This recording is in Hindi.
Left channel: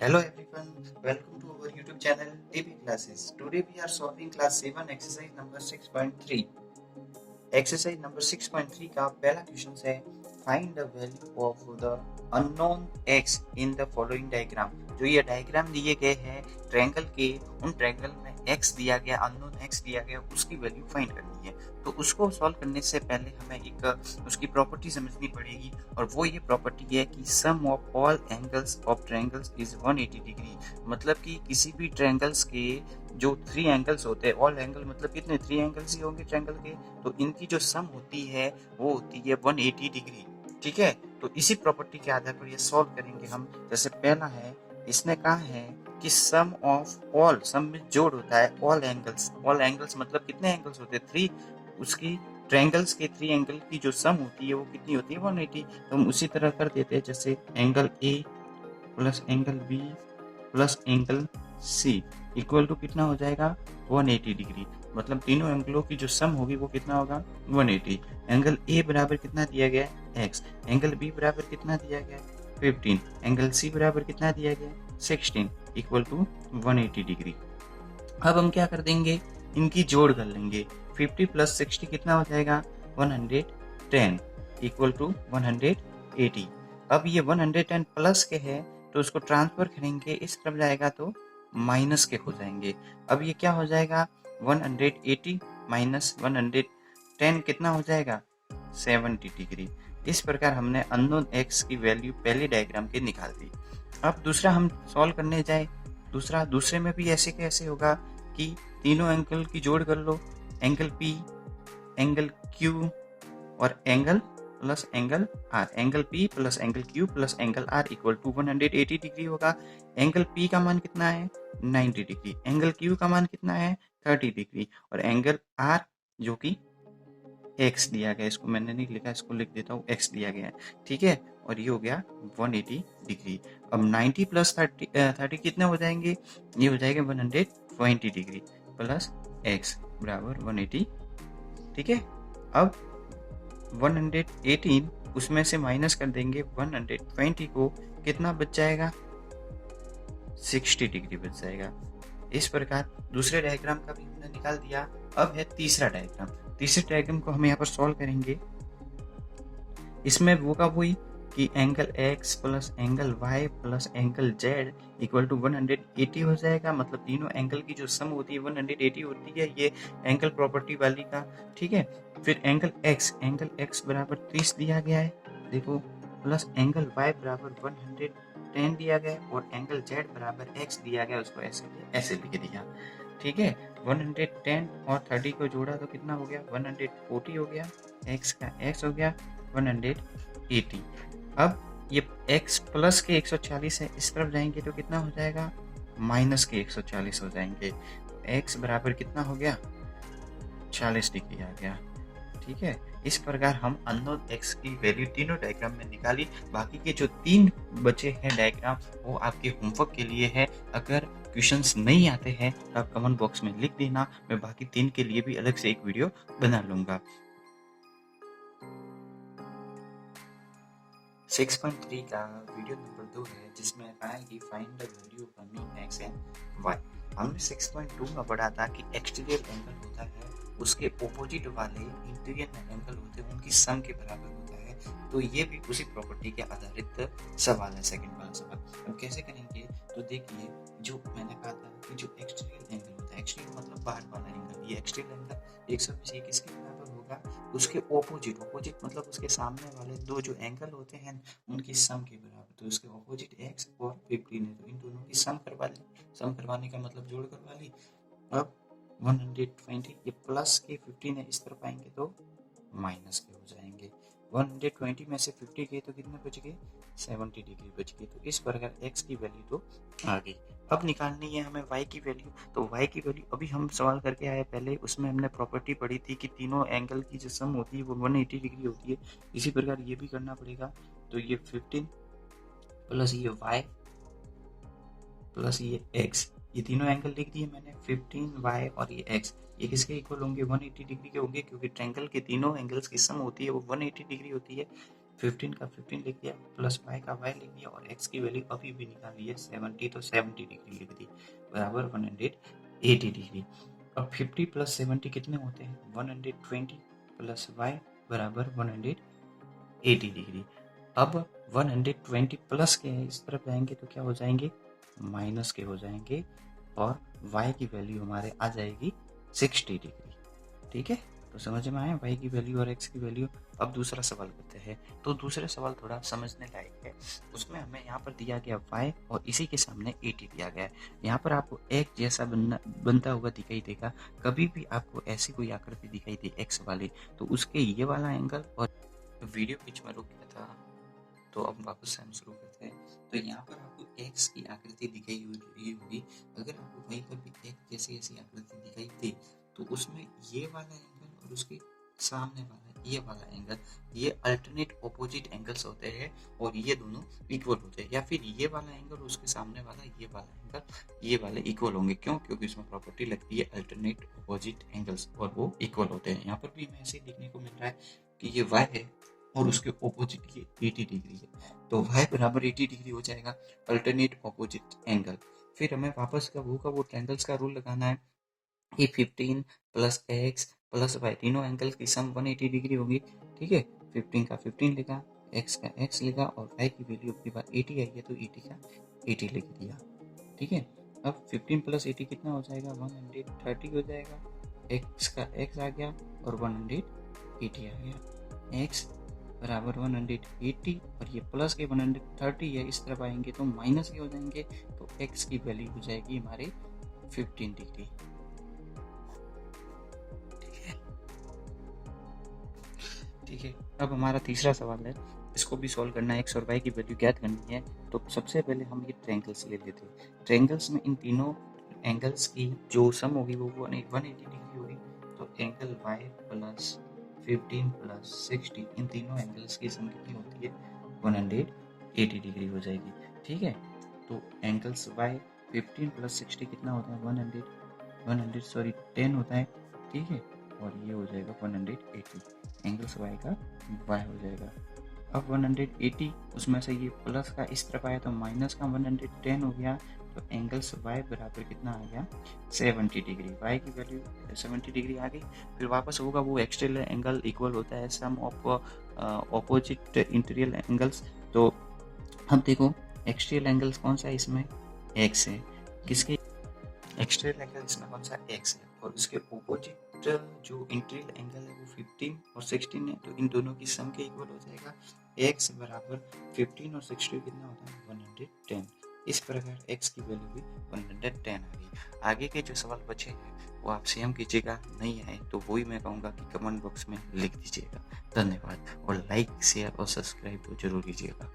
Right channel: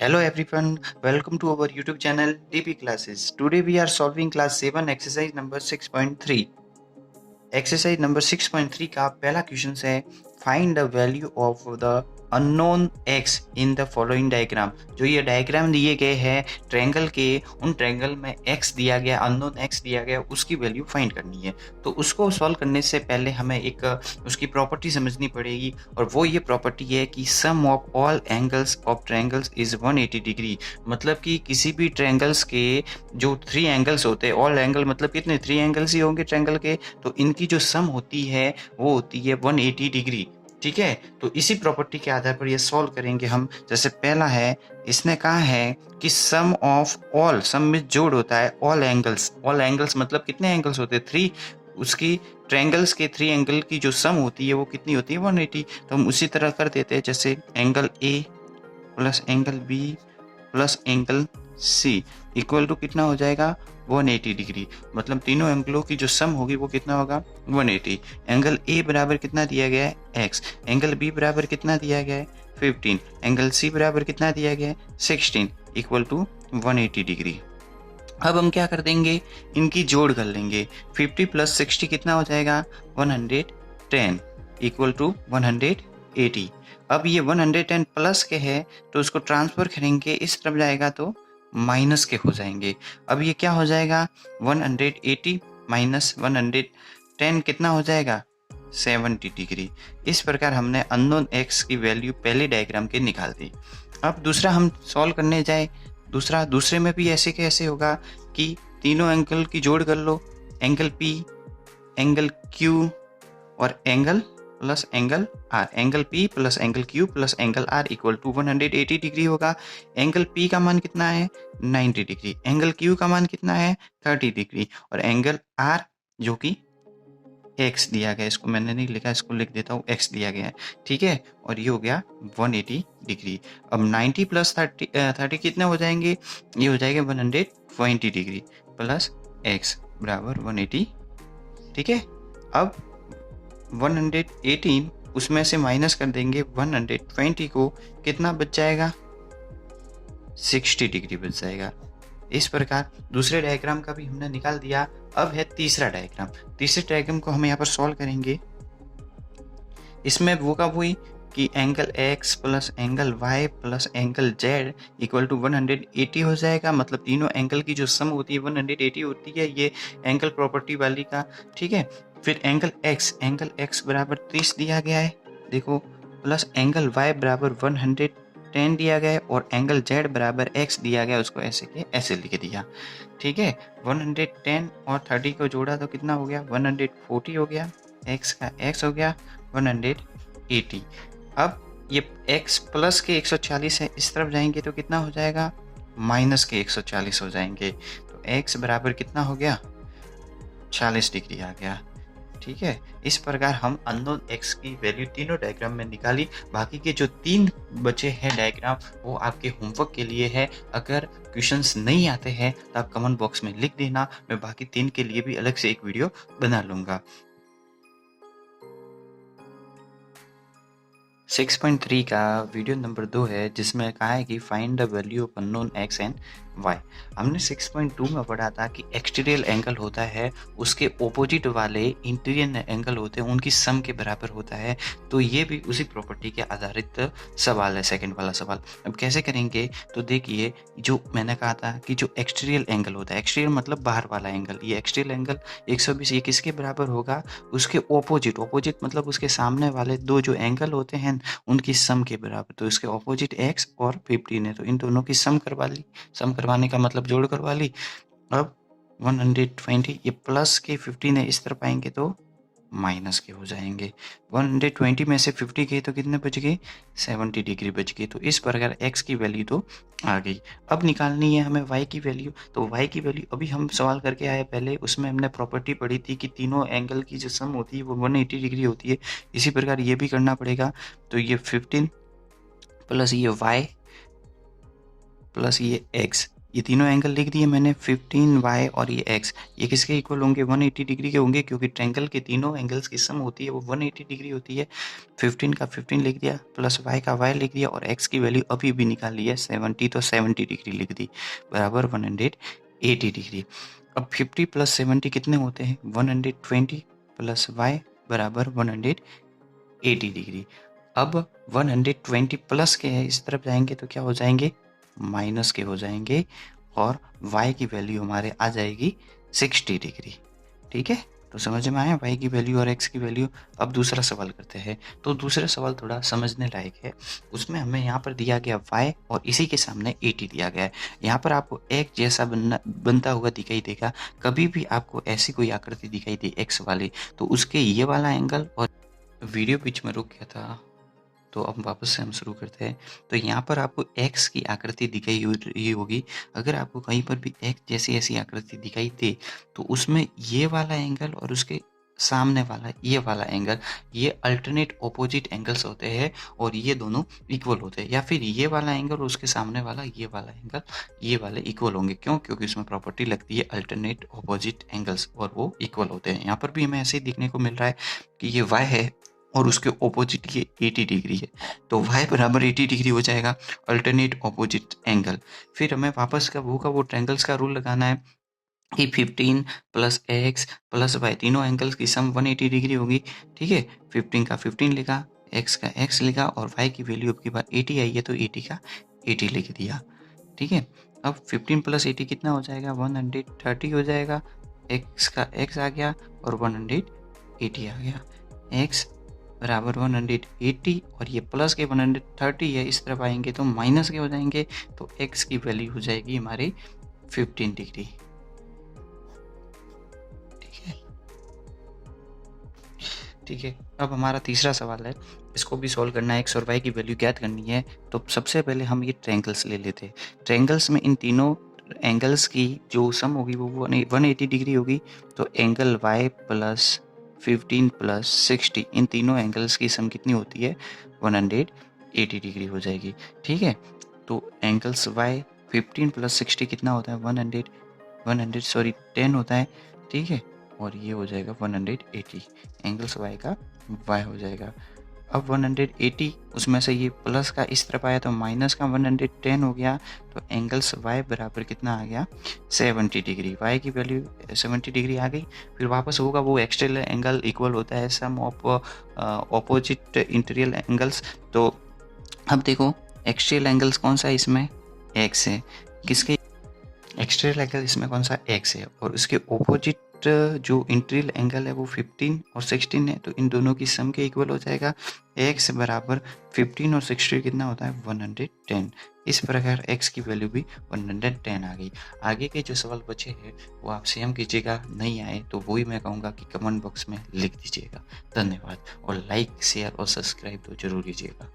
Hello everyone, welcome to our YouTube channel DP Classes. Today we are solving class 7 exercise number 6.3. Exercise number 6.3 का पहला क्वेश्चन है find the value of the unknown x in the following diagram. जो ये डायग्राम दिए गए हैं ट्रायंगल के, उन ट्रायंगल में एक्स दिया गया, अननोन एक्स दिया गया, उसकी वैल्यू फाइंड करनी है। तो उसको सॉल्व करने से पहले हमें एक उसकी प्रॉपर्टी समझनी पड़ेगी, और वो ये प्रॉपर्टी है कि sum of all angles of triangles is 180 degree. मतलब कि किसी भी ट्रायंगल्स के जो 3 एंगल्स होते हैं, ऑल एंगल मतलब कितने 3 एंगल्स ही होंगे ट्रायंगल के, तो इनकी जो सम होती है वो होती है 180 डिग्री। ठीक है, तो इसी प्रॉपर्टी के आधार पर ये सॉल्व करेंगे हम। जैसे पहला है, इसने कहा है कि सम ऑफ ऑल, सम में जोड़ होता है ऑल एंगल्स। ऑल एंगल्स मतलब कितने एंगल्स होते हैं 3, उसकी ट्रायंगल्स के 3 एंगल की जो सम होती है वो कितनी होती है 180। तो हम उसी तरह कर देते हैं, जैसे angle A plus angle B plus angle C equal to कितना हो जाएगा 180 डिग्री। मतलब तीनों एंगलों की जो सम होगी वो कितना होगा 180। एंगल ए बराबर कितना दिया गया है x, एंगल बी बराबर कितना दिया गया है 15, एंगल सी बराबर कितना दिया गया है 16 इक्वल टू 180 डिग्री। अब हम क्या कर देंगे, इनकी जोड़ कर लेंगे। 50 प्लस 60 कितना हो जाएगा 110 इक्वल टू 180। अब ये 110 प्लस के है तो उसको ट्रांसफर करेंगे, इस तरफ जाएगा तो माइनस के हो जाएंगे। अब ये क्या हो जाएगा 180 माइनस 110 कितना हो जाएगा 70 डिग्री। इस प्रकार हमने अननोन एक्स की वैल्यू पहले डायग्राम के निकाल दी। अब दूसरा हम सॉल्व करने जाए, दूसरे में भी ऐसे कैसे होगा कि तीनों एंगल की जोड़ कर लो, एंगल पी, एंगल क्यू और angle plus angle R. Angle P plus angle Q plus angle R equal to 180 degree होगा। एंगल पी का मान कितना है 90 डिग्री, एंगल क्यू का मान कितना है 30 डिग्री, और एंगल आर जो कि एक्स दिया गया, इसको मैंने नहीं लिखा, इसको लिख देता हूँ, एक्स दिया गया है। ठीक है, और ये हो गया 180 डिग्री। अब 90 प्लस 30 कितने हो जाएंगे, ये हो जाएगा 120 डिग्री प्लस एक्स बराबर 180। ठीक है, अब 118 उसमें से माइनस कर देंगे 120 को, कितना बच जाएगा 60 डिग्री बच जाएगा। इस प्रकार दूसरे डायग्राम का भी हमने निकाल दिया। अब है तीसरा डायग्राम। तीसरे डायग्राम को हम यहाँ पर सॉल्व करेंगे। इसमें वो कब हुई कि angle x plus angle y plus angle z equal to 180 हो जाएगा। मतलब तीनों एंगल की जो सम होती है 180 होती है, ये एंगल प्रॉपर्टी वाली का। ठीक है, फिर एंगल x बराबर 30 दिया गया है, देखो, प्लस एंगल y बराबर 110 दिया गया है, और एंगल z बराबर x दिया गया, उसको ऐसे के ऐसे लिख दिया। ठीक है, 110 और 30 को जोड़ा तो कितना हो गया 140 हो गया, x का x हो गया 180। अब ये x प्लस के 140 है, इस तरफ जाएंगे तो कितना हो जाएगा माइनस के 140 हो जाएंगे। तो x बराबर कितना हो गया 40 डिग्री आ गया। ठीक है, इस प्रकार हम अननोन x की वैल्यू तीनों डायग्राम में निकाली। बाकी के जो 3 बचे हैं डायग्राम वो आपके होमवर्क के लिए है। अगर क्वेश्चंस नहीं आते हैं तो आप कमेंट बॉक्स में लिख देना, मैं बाकी 3 के लिए भी अलग से एक वीडियो बना लूँगा। 6.3 का वीडियो नंबर 2 है, जिसमें कहा है कि find the value of unknown X and Y. हमने 6.2 में पढ़ा था कि एक्सटीरियर एंगल होता है, उसके ओपोजिट वाले इंटीरियर एंगल होते हैं, उनकी सम के बराबर होता है। तो ये भी उसी प्रॉपर्टी के आधारित सवाल है, सेकंड वाला सवाल। अब कैसे करेंगे, तो देखिए, जो मैंने कहा था कि जो एक्सटीरियर एंगल होता है, एक्सटीरियर मतलब बाहर वाला एंगल, ये एक्सटीरियर एंगल 120 ये किसके बराबर होगा, उसके ओपोजिट मतलब उसके सामने वाले दो जो एंगल होते हैं उनकी सम के बराबर। तो इसके ऑपोजिट x और 15 है, तो इन दोनों की सम करवा ली। सम करवाने का मतलब जोड़ करवा ली। अब 120 ये प्लस के 15 है, इस तरफ आएंगे तो माइनस के हो जाएंगे। 120 में से 50 गए तो कितने बच गए 70 डिग्री बच गए। तो इस प्रकार x की वैल्यू तो आ गई। अब निकालनी है हमें y की वैल्यू। तो y की वैल्यू अभी हम सवाल करके आए पहले, उसमें हमने प्रॉपर्टी पढ़ी थी कि तीनों एंगल की जो सम होती है वो 180 डिग्री होती है। इसी प्रकार ये भी करना पड़ेगा। तो ये 15 प्लस ये y प्लस ये x ये तीनों एंगल लिख दिए मैंने 15y और ये x, ये किसके इक्वल होंगे 180 डिग्री के होंगे, क्योंकि ट्रायंगल के तीनों एंगल्स की सम होती है वो 180 डिग्री होती है। 15 का 15 लिख दिया, प्लस y का y लिख दिया, और x की वैल्यू अभी भी निकाल ली है 70, तो 70 डिग्री लिख दी, बराबर 180 डिग्री। अब 50 प्लस 70 कितने होते हैं 120, प्लस y बराबर 180 डिग्री। अब 120 प्लस के है इस तरफ जाएंगे तो क्या हो जाएंगे, माइनस के हो जाएंगे, और y की वैल्यू हमारे आ जाएगी 60 डिग्री। ठीक है, तो समझ में आया y की वैल्यू और x की वैल्यू। अब दूसरा सवाल करते हैं। तो दूसरा सवाल थोड़ा समझने लायक है। उसमें हमें यहाँ पर दिया गया y और इसी के सामने 80 दिया गया है। यहाँ पर आपको एक जैसा बनता हुआ दिखाई देगा। कभी भी आपको ऐसी कोई आकृति दिखाई दे x वाली, तो उसके ये वाला एंगल, और वीडियो बीच में रुक गया था तो अब वापस से हम शुरू करते हैं। तो यहाँ पर आपको x की आकृति दिखाई रही होगी। अगर आपको कहीं पर भी x जैसी ऐसी आकृति दिखाई दे, तो उसमें ये वाला एंगल और उसके सामने वाला ये वाला एंगल, ये अल्टरनेट ऑपोजिट एंगल्स होते हैं, और ये दोनों इक्वल होते हैं। या फिर ये वाला एंगल और उसके सामने वाला ये वाला एंगल, ये वाले इक्वल होंगे। क्यों? क्योंकि उसमें प्रॉपर्टी लगती है अल्टरनेट ऑपोजिट एंगल्स, और वो इक्वल होते हैं। यहाँ पर भी हमें ऐसे ही देखने को मिल रहा है कि ये y है और उसके ऑपोजिट ये 80 डिग्री है, तो y बराबर 80 डिग्री हो जाएगा, अल्टरनेट ऑपोजिट एंगल। फिर हमें वापस का वो ट्रायंगल्स का रूल लगाना है कि 15 प्लस x प्लस y, तीनों एंगल्स की सम 180 डिग्री होगी। ठीक है, 15 का 15 लिखा, x का x लिखा, और y की वैल्यू अब की बार 80 आई है तो 80 का 80 लिख दिया। ठीक है, अब 15 प्लस 80 कितना हो जाएगा 130 हो जाएगा, x का x आ गया और 180 आ गया। x बराबर 180, और ये प्लस के 130 है, इस तरफ आएंगे तो माइनस के हो जाएंगे, तो x की वैल्यू हो जाएगी हमारी 15 डिग्री। ठीक है, ठीक है। अब हमारा तीसरा सवाल है, इसको भी सॉल्व करना है, x और y की वैल्यू ज्ञात करनी है। तो सबसे पहले हम ये ट्रायंगल्स ले लेते हैं। ट्रायंगल्स में इन तीनों एंगल्स की जो सम होगी वो 180 डिग्री होगी। तो एंगल y प्लस 15 प्लस 60, इन तीनों एंगल्स की सम कितनी होती है 180 डिग्री हो जाएगी। ठीक है, तो एंगल्स y 15 प्लस 60 कितना होता है 10 होता है। ठीक है, और ये हो जाएगा 180, एंगल्स y का y हो जाएगा। अब 180 उसमें से ये प्लस का इस तरफ आया तो माइनस का 110 हो गया, तो एंगल्स y बराबर कितना आ गया 70 डिग्री। y की वैल्यू 70 डिग्री आ गई। फिर वापस होगा वो एक्सटर्नल एंगल इक्वल होता है सम ऑफ ऑपोजिट इंटीरियर एंगल्स। तो अब देखो एक्सटर्नल एंगल्स कौन सा है इसमें, x है। किसके एक्सटर्नल एंगल इसमें कौन सा x है, और उसके ऑपोजिट जो इंटीरियर एंगल है वो 15 और 16 है, तो इन दोनों की सम के इक्वल हो जाएगा। x बराबर 15 और 60 कितना होता है 110। इस प्रकार x की वैल्यू भी 110 आ गई। आगे के जो सवाल बचे हैं वो आप स्वयं कीजिएगा, नहीं आए तो वही मैं कहूँगा कि कमेंट बॉक्स में लिख दीजिएगा। धन्यवाद, और लाइक शेयर और सब्सक्राइब तो जरूर कीजिएगा।